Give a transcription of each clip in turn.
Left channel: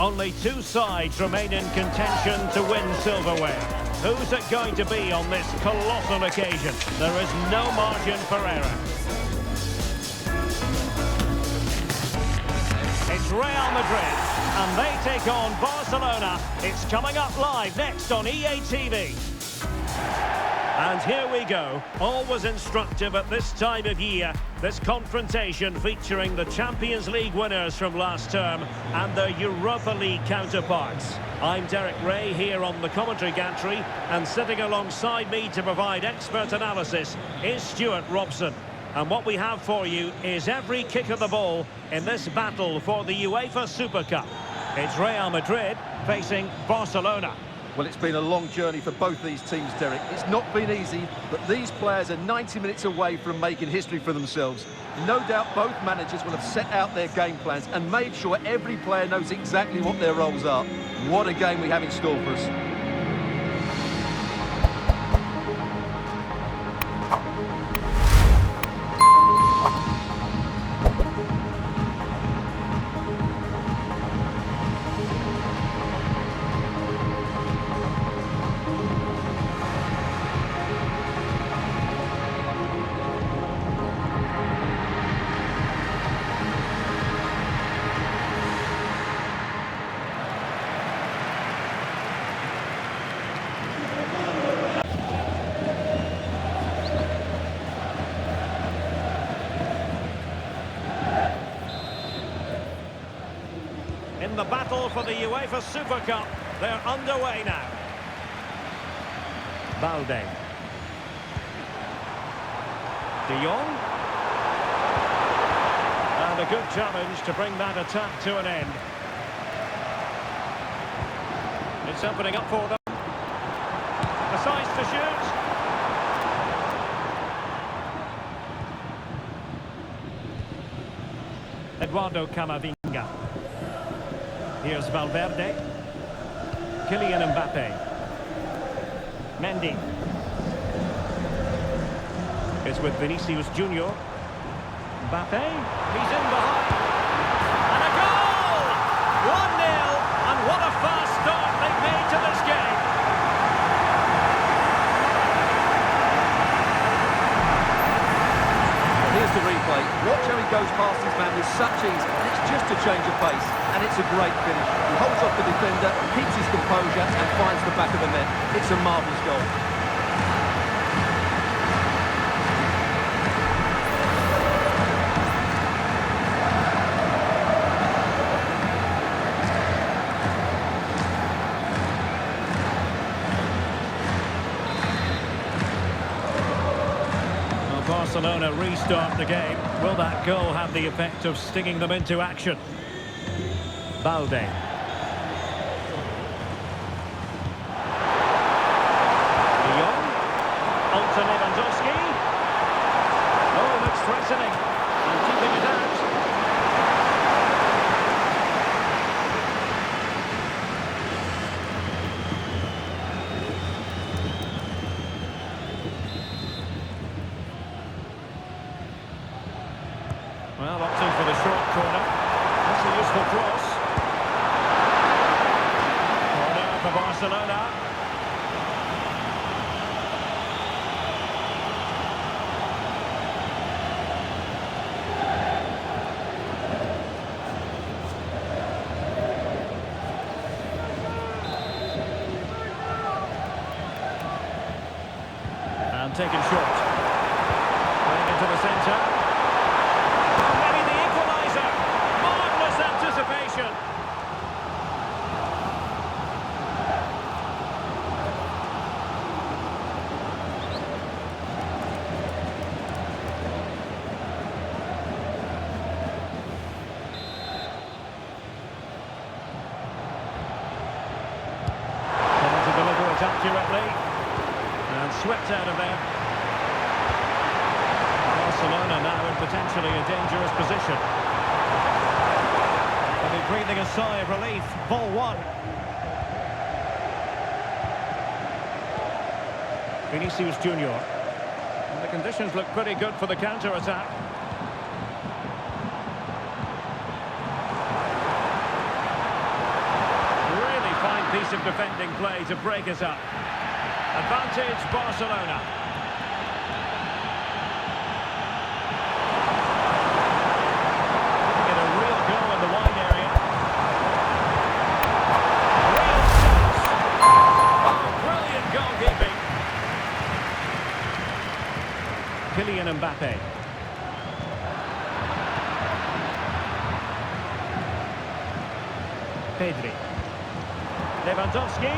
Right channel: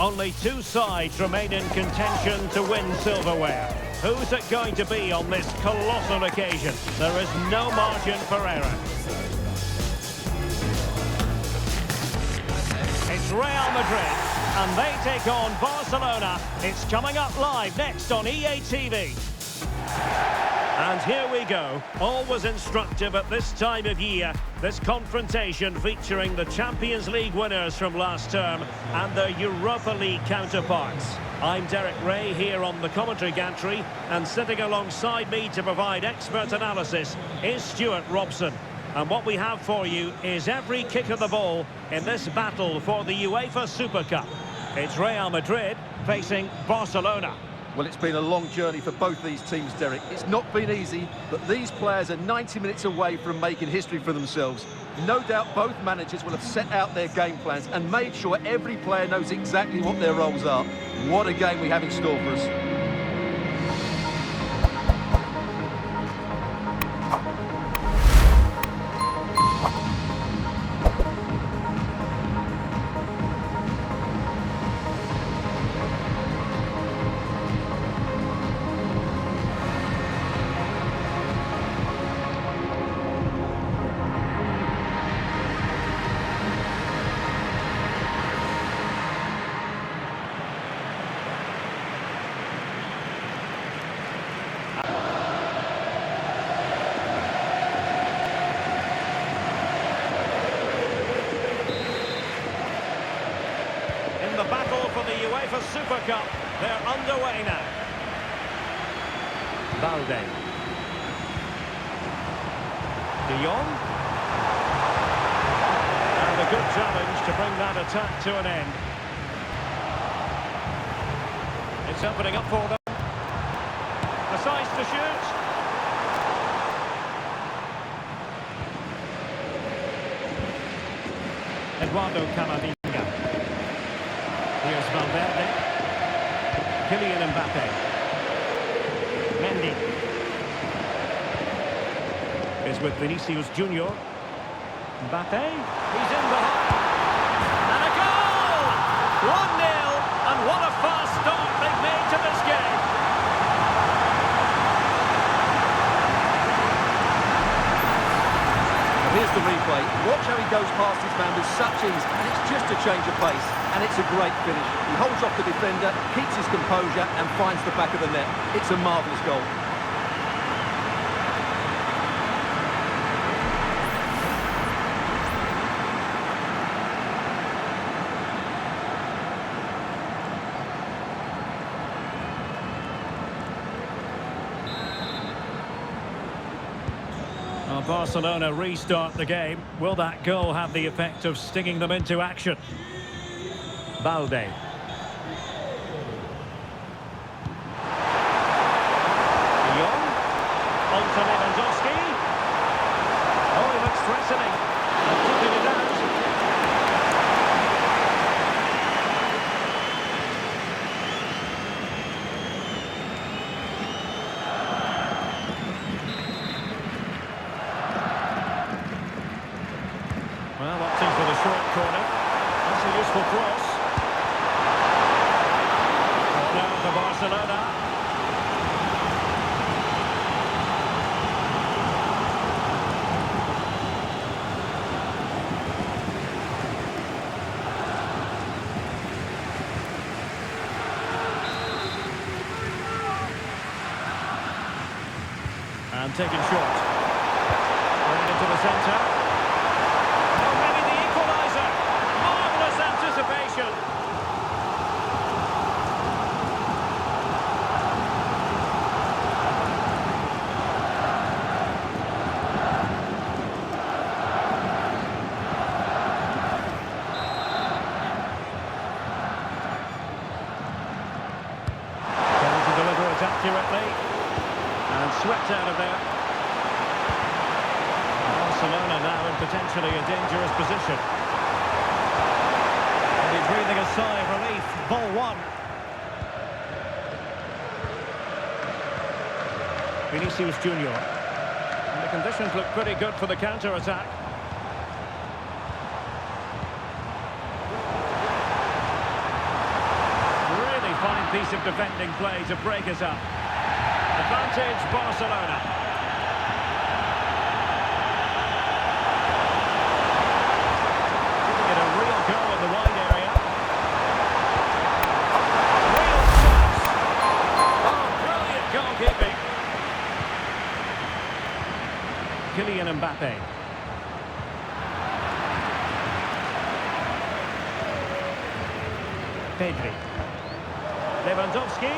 Only two sides remain in contention to win silverware. Who's it going to be on this colossal occasion? There is no margin for error. It's Real Madrid, and they take on Barcelona. It's coming up live next on EA TV. And here we go. Always instructive at this time of year. This confrontation featuring the Champions League winners from last term and their Europa League counterparts. I'm Derek Ray here on the commentary gantry, and sitting alongside me to provide expert analysis is Stuart Robson. And what we have for you is every kick of the ball in this battle for the UEFA Super Cup. It's Real Madrid facing Barcelona. Well, it's been a long journey for both these teams, Derek. It's not been easy, but these players are 90 minutes away from making history for themselves. No doubt both managers will have set out their game plans and made sure every player knows exactly what their roles are. What a game we have in store for us. In the battle for the UEFA Super Cup, they're underway now. Balde. De Jong. And a good challenge to bring that attack to an end. It's opening up for them. A size to shoot. 𝘍𝘠𝘭𝘏𝘐𝑪𝑖𝑛𝑔𝑎. Here's Valverde. Kylian Mbappé. Mendy. It's with Vinicius Junior. Mbappé. He's in behind. And a goal! 1-0. And what a fast start they've made to this game. Here's the replay. Watch how he goes past his man with such ease, and it's just a change of pace, and it's a great finish. He holds off the defender, keeps his composure, and finds the back of the net. It's a marvellous goal. Barcelona restart the game. Will that goal have the effect of stinging them into action? Balde. De Jong. On to Lewandowski. Oh, he looks threatening. And keeping it out. Well, opting for the short corner. That's a useful cross. Corner for Barcelona. And taken short. Playing into the centre. Anticipation. Trying to deliver it accurately and swept out of there. Barcelona now in potentially a dangerous position. They'll be breathing a sigh of relief. Ball one. Vinicius Junior. And the conditions look pretty good for the counter-attack. fine piece of defending play to break us up. Advantage Barcelona. Giving it a real go in the wide area. Real chance. Oh, brilliant goalkeeping. Kylian Mbappé. Pedri. Lewandowski.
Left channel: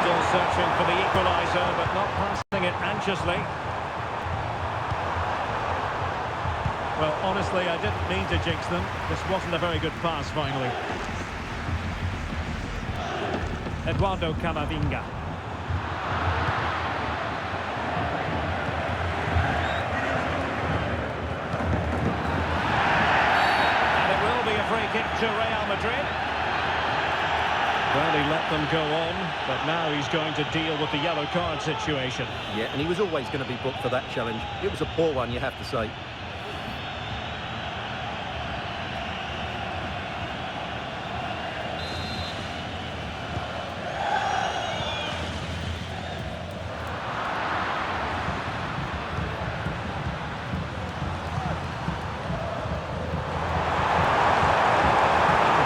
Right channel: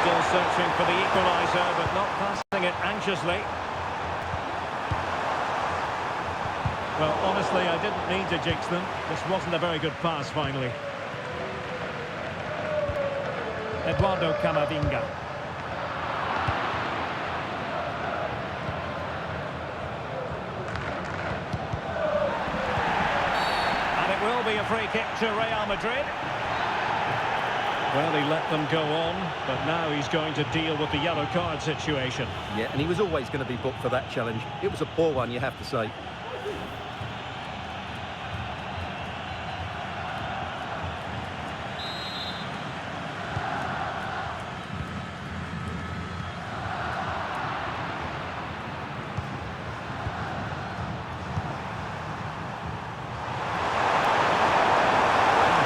Still searching for the equaliser, but not passing it anxiously. Well, honestly, I didn't mean to jinx them. This wasn't a very good pass, finally. 𝘍𝘬𝘭𝘏𝘓𝘐𝑚𝑎vinga. And it will be a free kick to Real Madrid. Well, he let them go on, but now he's going to deal with the yellow card situation. Yeah, and he was always going to be booked for that challenge. It was a poor one, you have to say. A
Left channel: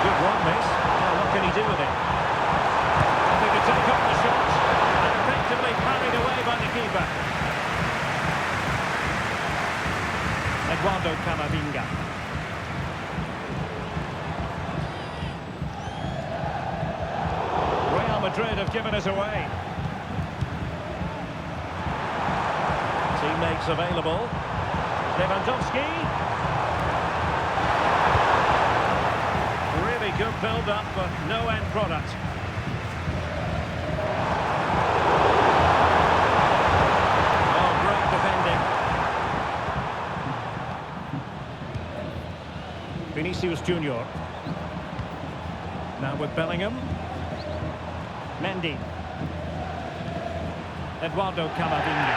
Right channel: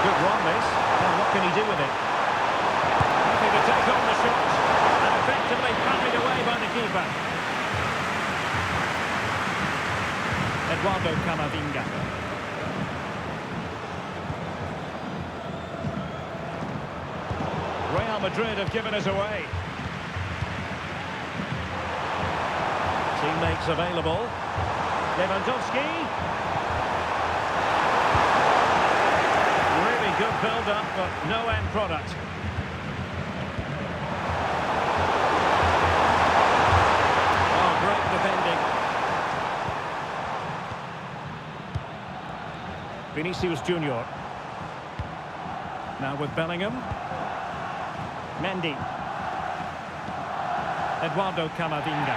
good run, this. Now, what can he do with it? To take on the shot and effectively parried away by the keeper. 𝘍𝘬𝘭𝘏𝘓𝑚𝑎vinga. Real Madrid have given us away. Teammates available. Lewandowski. Really good build-up, but no end product. Defending. Vinicius Junior. Now with Bellingham. Mendy. 𝘍𝘬𝘭𝘏𝘓𝑚𝑎vinga.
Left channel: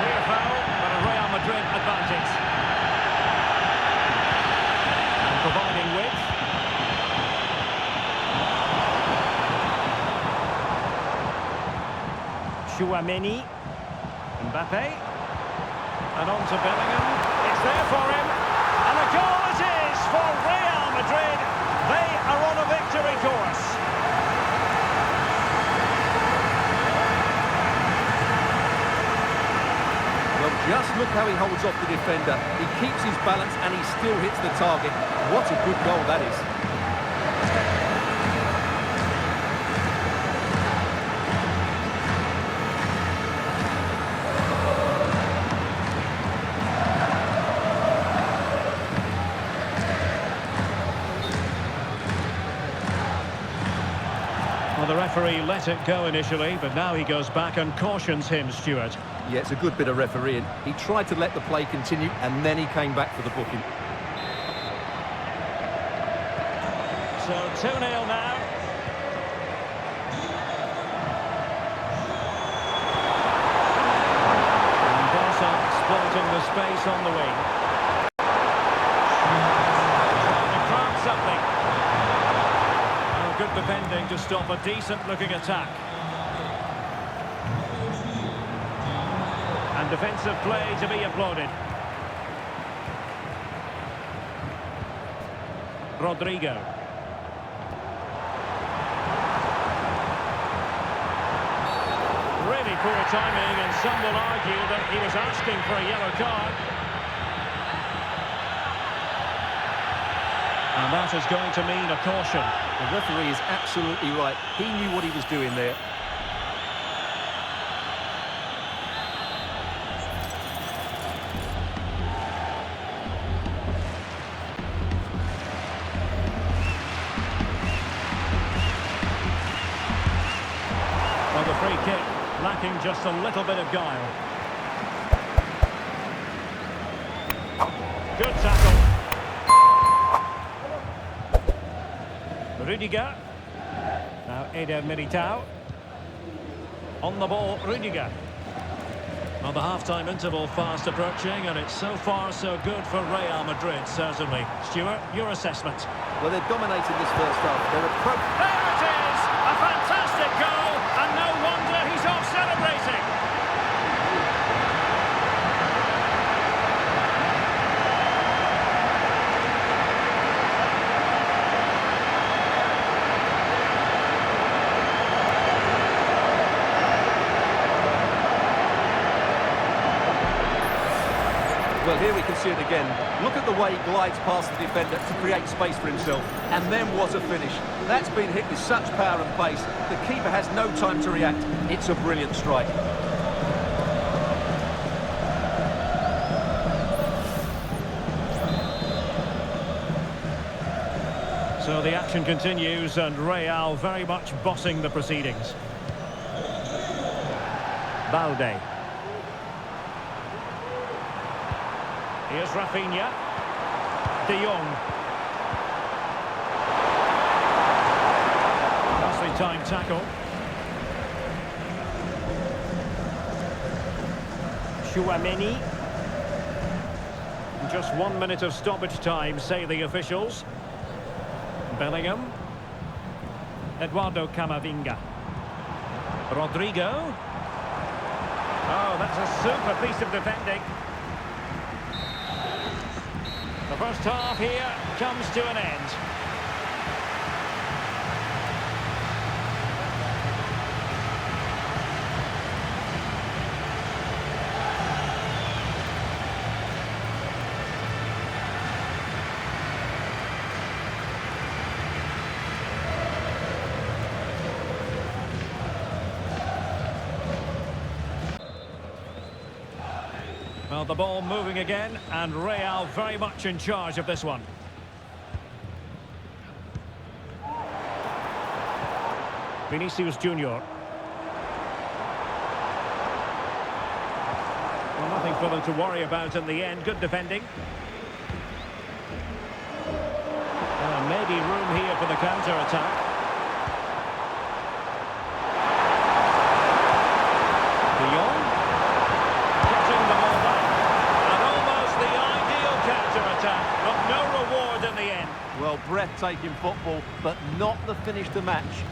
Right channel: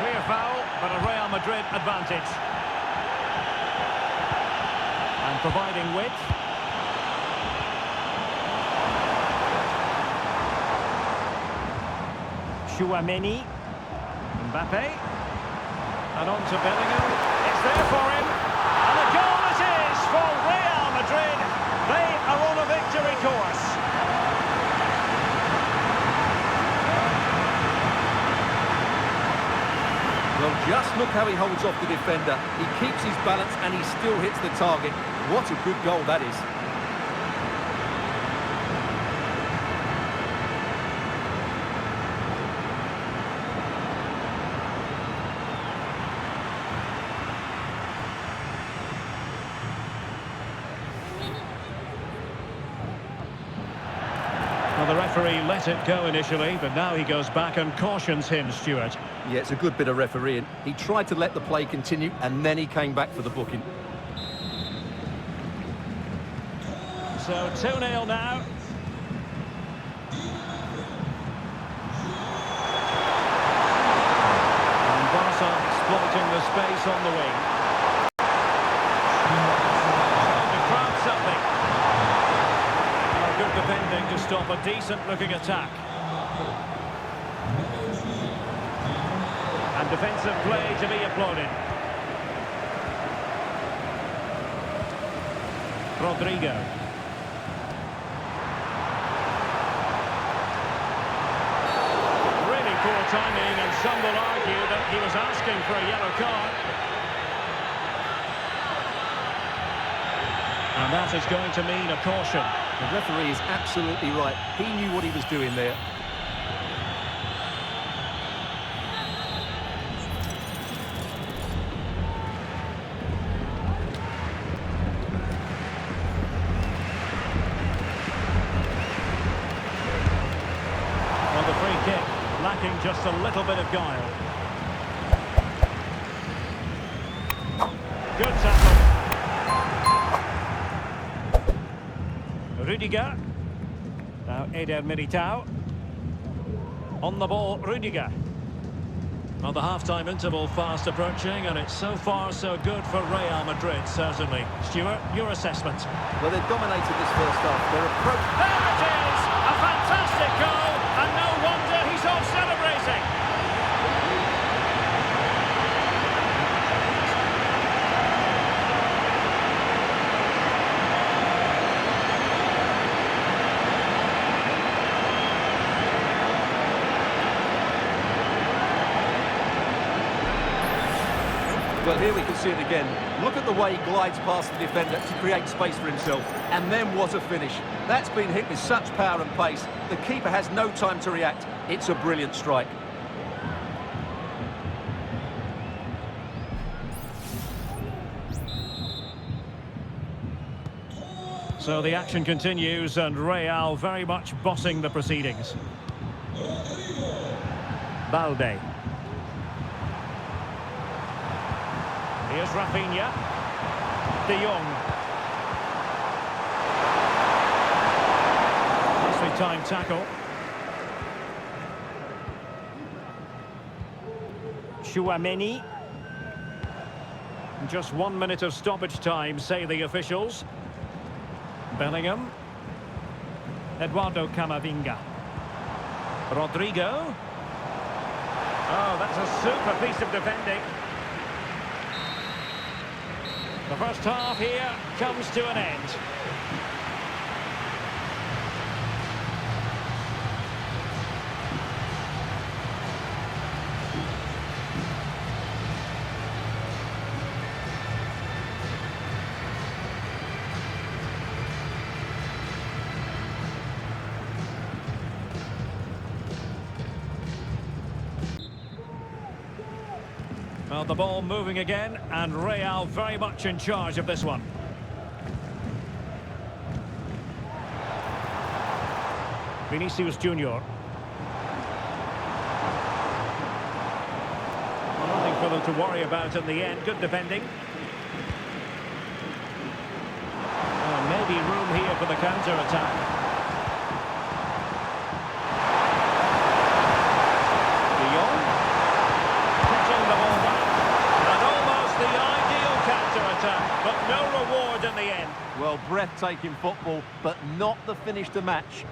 Clear foul, but a Real Madrid advantage. And providing width. Chouameni. Mbappé, and on to Bellingham. It's there for him, and a goal it is for Real Madrid. They are on a victory course. Well, just look how he holds off the defender. He keeps his balance and he still hits the target. What a good goal that is. Well, the referee let it go initially, but now he goes back and cautions him, Stuart. Yeah, it's a good bit of refereeing. He tried to let the play continue, and then he came back for the booking. So 2-0 now. And Barca exploiting the space on the wing. Trying to craft something. Oh, good defending to stop a decent-looking attack. And defensive play to be applauded. Rodrigo. Really poor timing, and some will argue that he was asking for a yellow card. And that is going to mean a caution. The referee is absolutely right. He knew what he was doing there. Well, the free kick lacking just a little bit of guile. Good tackle. Rüdiger. Now Eder Militao. On the ball, Rüdiger. Well, the half-time interval fast approaching, and it's so far so good for Real Madrid, certainly. Stuart, your assessment? Well, they've dominated this first half. Their approach... There it is! A fantastic goal, and no wonder he's off celebrating. Well, here we can see it again. Look at the way he glides past the defender to create space for himself. And then what a finish. That's been hit with such power and pace. The keeper has no time to react. It's a brilliant strike. So the action continues, and Real very much bossing the proceedings. Balde. Here's Rafinha. De Jong. Nicely timed tackle. Tchouaméni. Just 1 minute of stoppage time, say the officials. Bellingham. 𝘍𝘪𝘁𝘓𝘐𝑗𝑣𝑖𝑛𝑔𝑎. Rodrigo. Oh, that's a super piece of defending. The first half here comes to an end. Well, the ball moving again, and Real very much in charge of this one. Vinicius Junior. Well, nothing for them to worry about in the end. Good defending. Maybe room here for the counter-attack. De Jong. Putting the ball back. And almost the ideal counter-attack, but no reward in the end. Well, breathtaking football, but not the finish to match.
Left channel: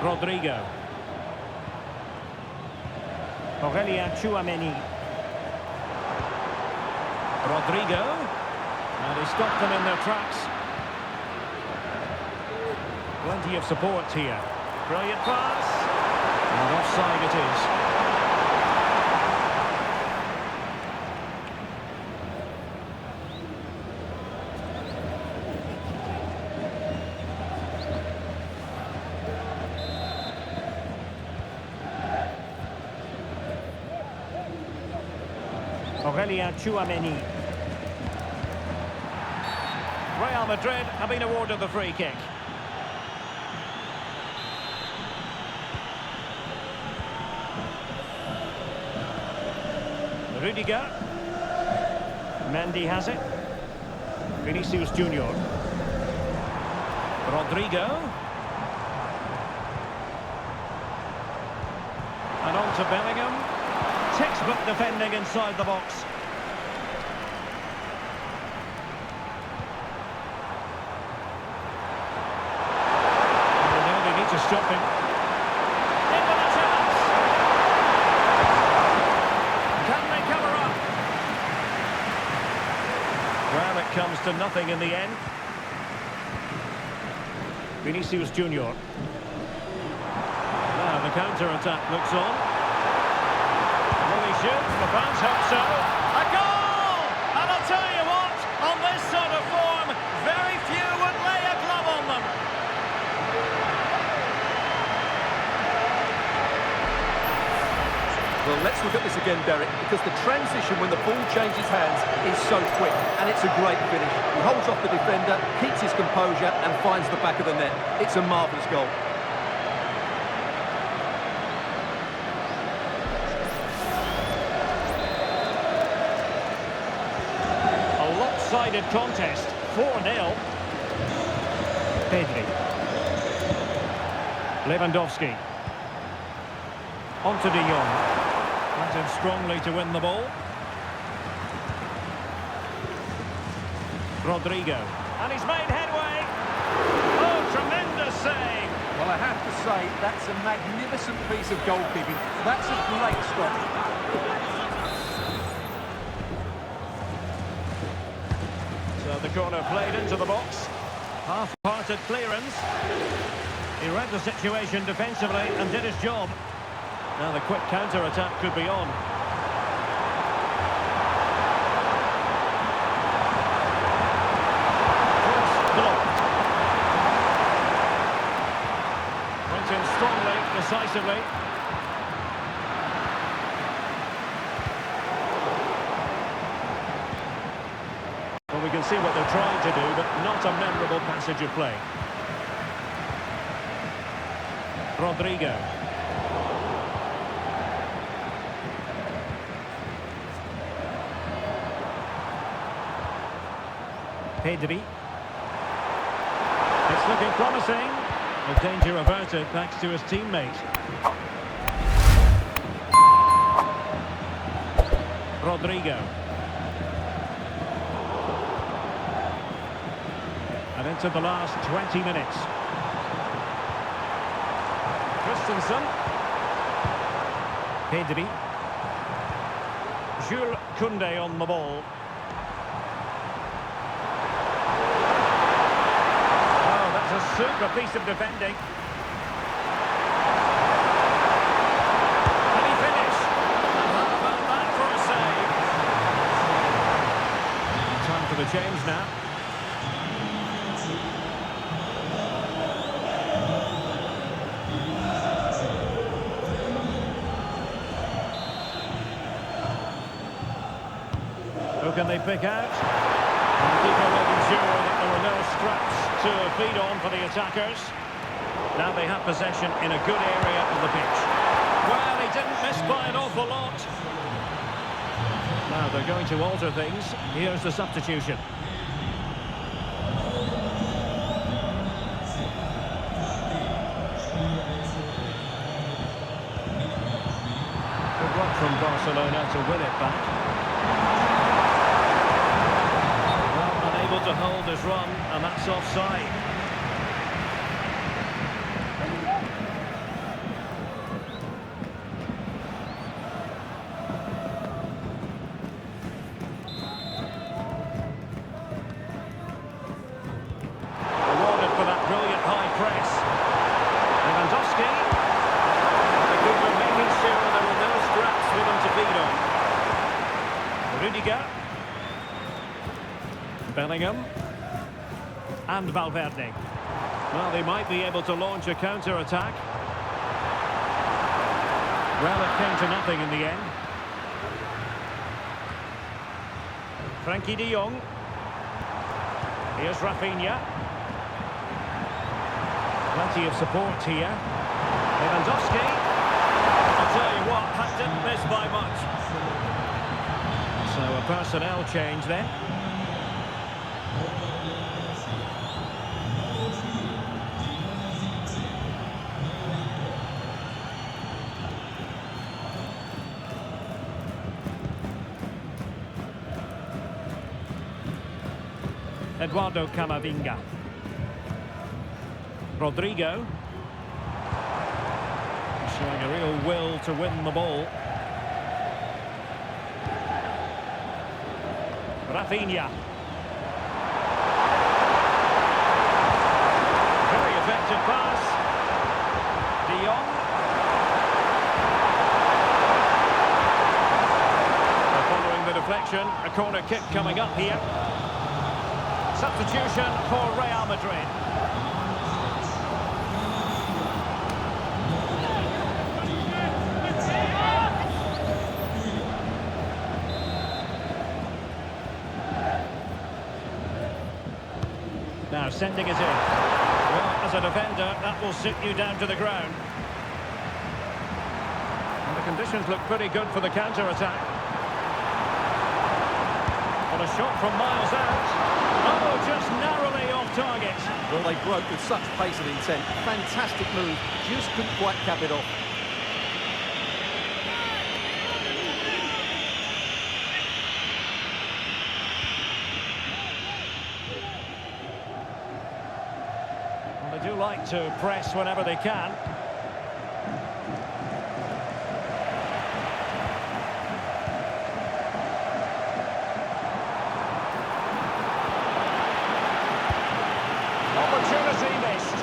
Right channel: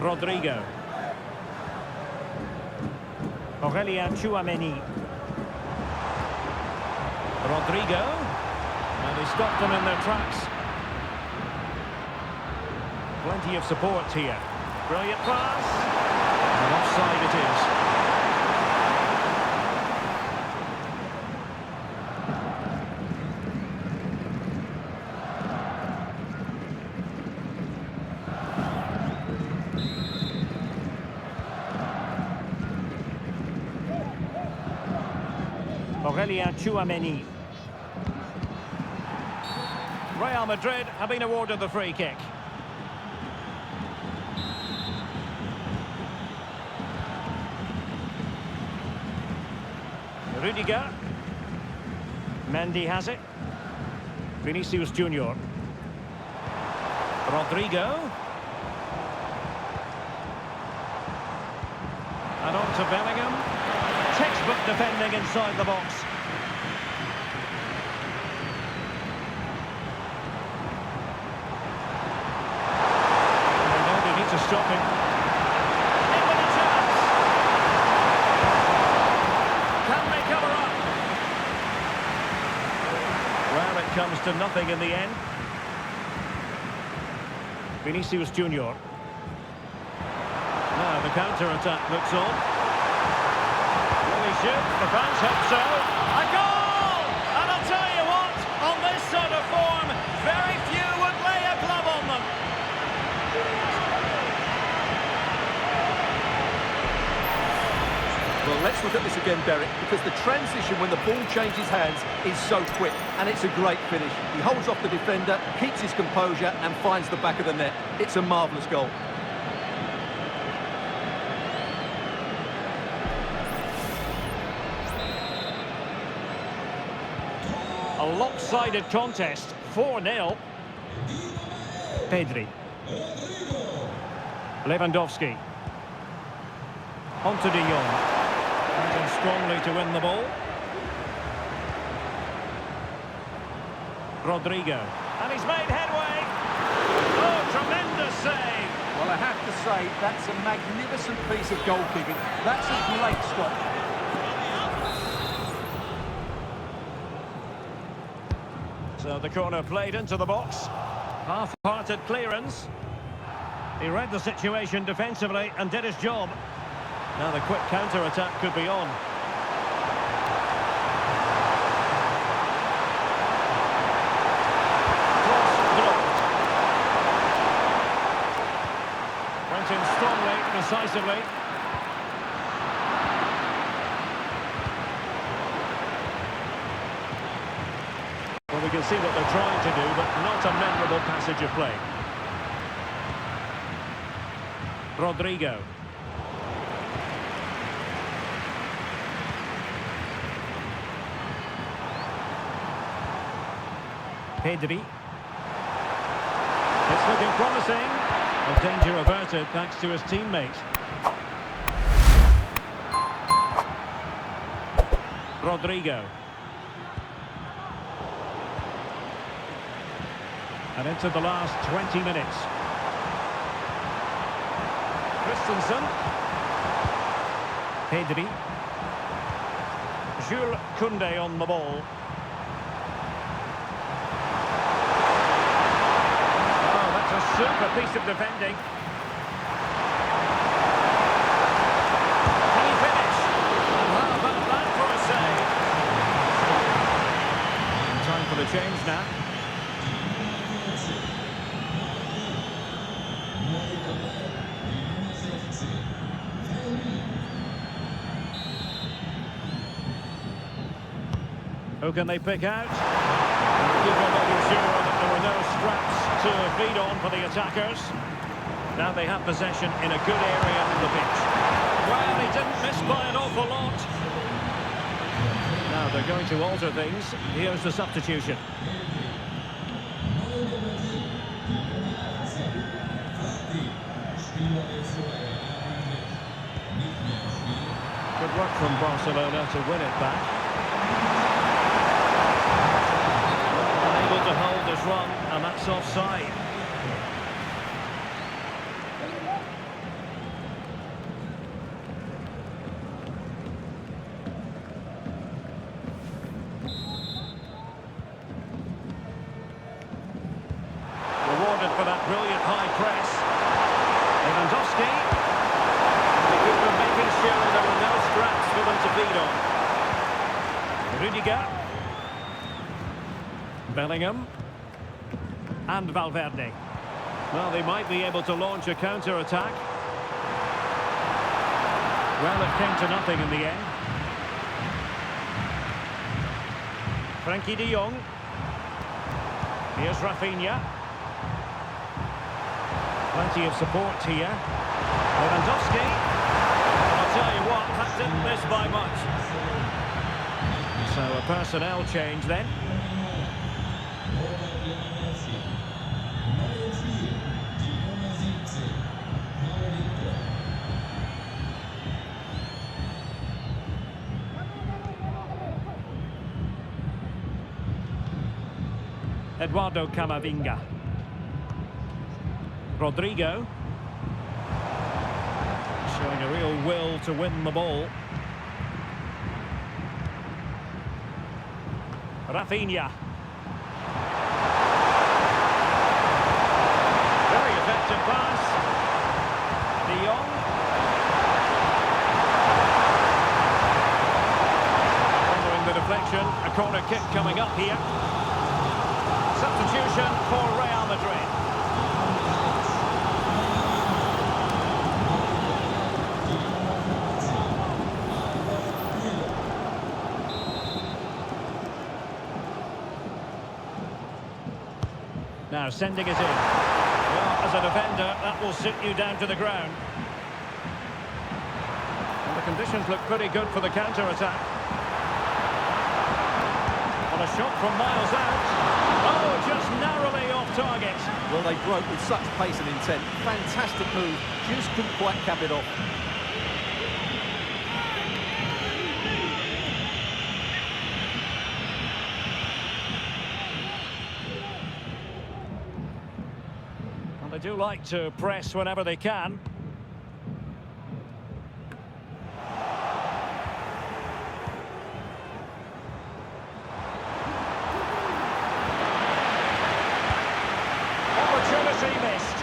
Rodrigo. Aurélien Tchouaméni. Rodrigo. And he stopped them in their tracks. Plenty of support here. Brilliant pass. And offside it is. Aurélien Tchouaméni. Real Madrid have been awarded the free kick. Rudiger. Mendy has it. Vinicius Junior. Rodrigo. And on to Bellingham. Textbook defending inside the box. And now they need to stop him. In with a chance. Can they cover up? Well, it comes to nothing in the end. Vinicius Junior. Now the counter-attack looks on. Will he shoot? The fans hope so. A goal! And I'll tell you what, on this sort of form, very few would lay a glove on them. Well, let's look at this again, Derek, because the transition when the ball changes hands is so quick, and it's a great finish. He holds off the defender, keeps his composure, and finds the back of the net. It's a marvellous goal. lopsided contest, 4-0. Pedri. Lewandowski. On to De Jong. Went in strongly to win the ball. Rodrigo. And he's made headway. Oh, tremendous save. Well, I have to say, that's a magnificent piece of goalkeeping. That's a great stop. So the corner played into the box. Half-hearted clearance. He read the situation defensively and did his job. Now the quick counter-attack could be on. Cross blocked. Went in strongly, decisively. Well, we can see what they're trying to do, but not a memorable passage of play. Rodrigo. Pedri. It's looking promising. A danger averted thanks to his teammate. Rodrigo. And into the last 20 minutes. Christensen. Pedri. Jules Koundé on the ball. Oh, that's a super piece of defending. Can he finish? And how about that for a save? And time for the change now. Who can they pick out? And the keeper making sure that there were no scraps to feed on for the attackers. Now they have possession in a good area of the pitch. Well, he didn't miss by an awful lot. Now they're going to alter things. Here's the substitution. Good work from Barcelona to win it back. Able to hold his run, and that's offside. Rewarded for that brilliant high press. Lewandowski. The keeper making sure there were no scraps for them to feed on. Rudiger. Bellingham and Valverde. Well, they might be able to launch a counter-attack. Well, it came to nothing in the end. Frenkie de Jong. Here's Rafinha. Plenty of support here. Lewandowski. And I'll tell you what, that didn't miss by much. So a personnel change then. 𝘍𝘬𝘭𝘏𝑉𝑖𝑛𝑔𝑎. Rodrigo. Showing a real will to win the ball. Rafinha. Very effective pass. De Jong. Following the deflection, a corner kick coming up here. Substitution for Real Madrid. Now sending it in. Well, as a defender, that will sit you down to the ground. And the conditions look pretty good for the counter-attack. Well, a shot from miles out. Oh, just narrowly off target. Well, they broke with such pace and intent. Fantastic move, just couldn't quite cap it off. Well, they do like to press whenever they can. Opportunity missed.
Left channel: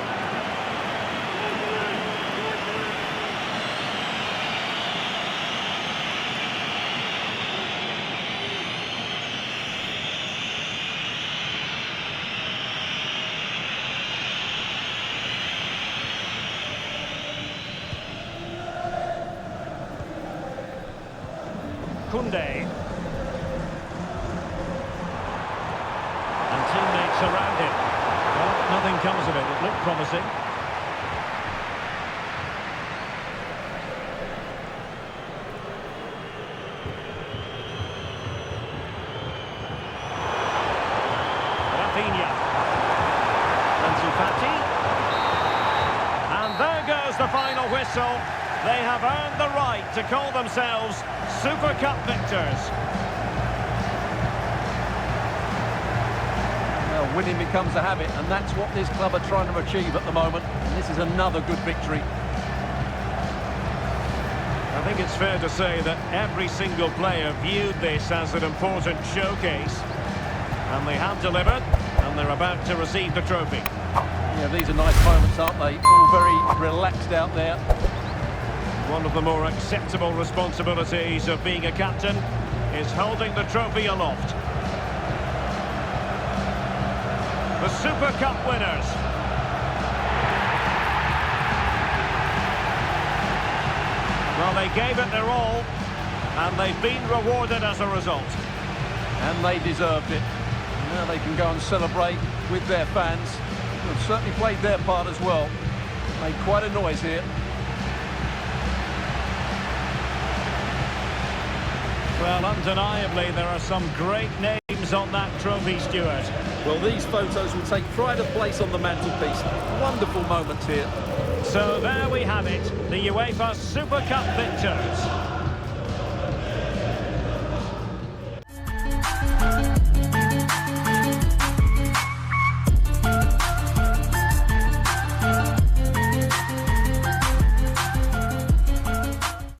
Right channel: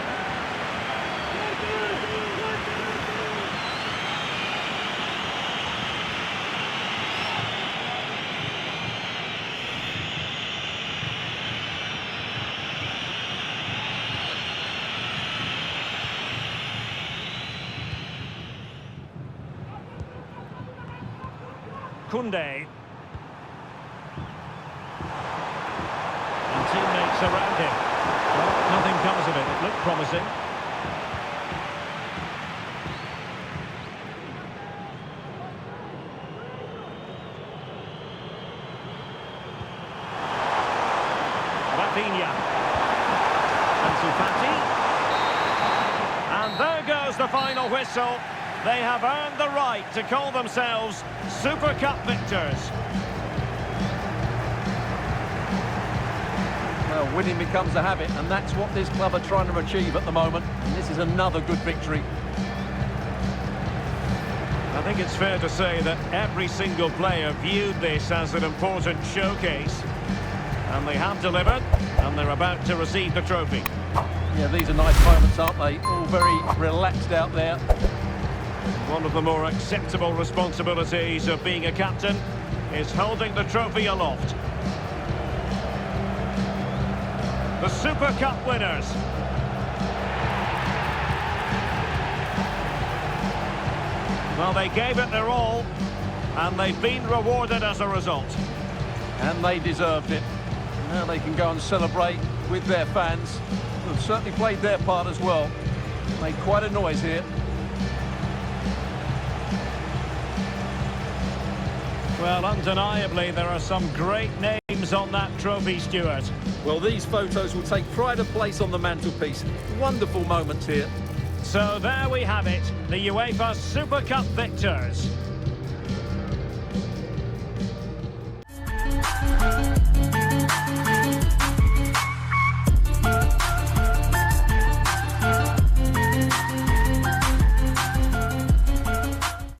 Koundé. And teammates around him. Well, nothing comes of it. It looked promising. Rafinha. Ansu Fati. And there goes the final whistle. They have earned the right to call themselves Super Cup victors. Well, winning becomes a habit, and that's what this club are trying to achieve at the moment. And this is another good victory. I think it's fair to say that every single player viewed this as an important showcase. And they have delivered, and they're about to receive the trophy. Yeah, these are nice moments, aren't they? All very relaxed out there. One of the more acceptable responsibilities of being a captain is holding the trophy aloft. The Super Cup winners. Well, they gave it their all, and they've been rewarded as a result. And they deserved it. Now they can go and celebrate with their fans, who have certainly played their part as well. Made quite a noise here. Well, undeniably, there are some great names on that trophy, Stuart. Well, these photos will take pride of place on the mantelpiece. Wonderful moments here. So there we have it, the UEFA Super Cup victors.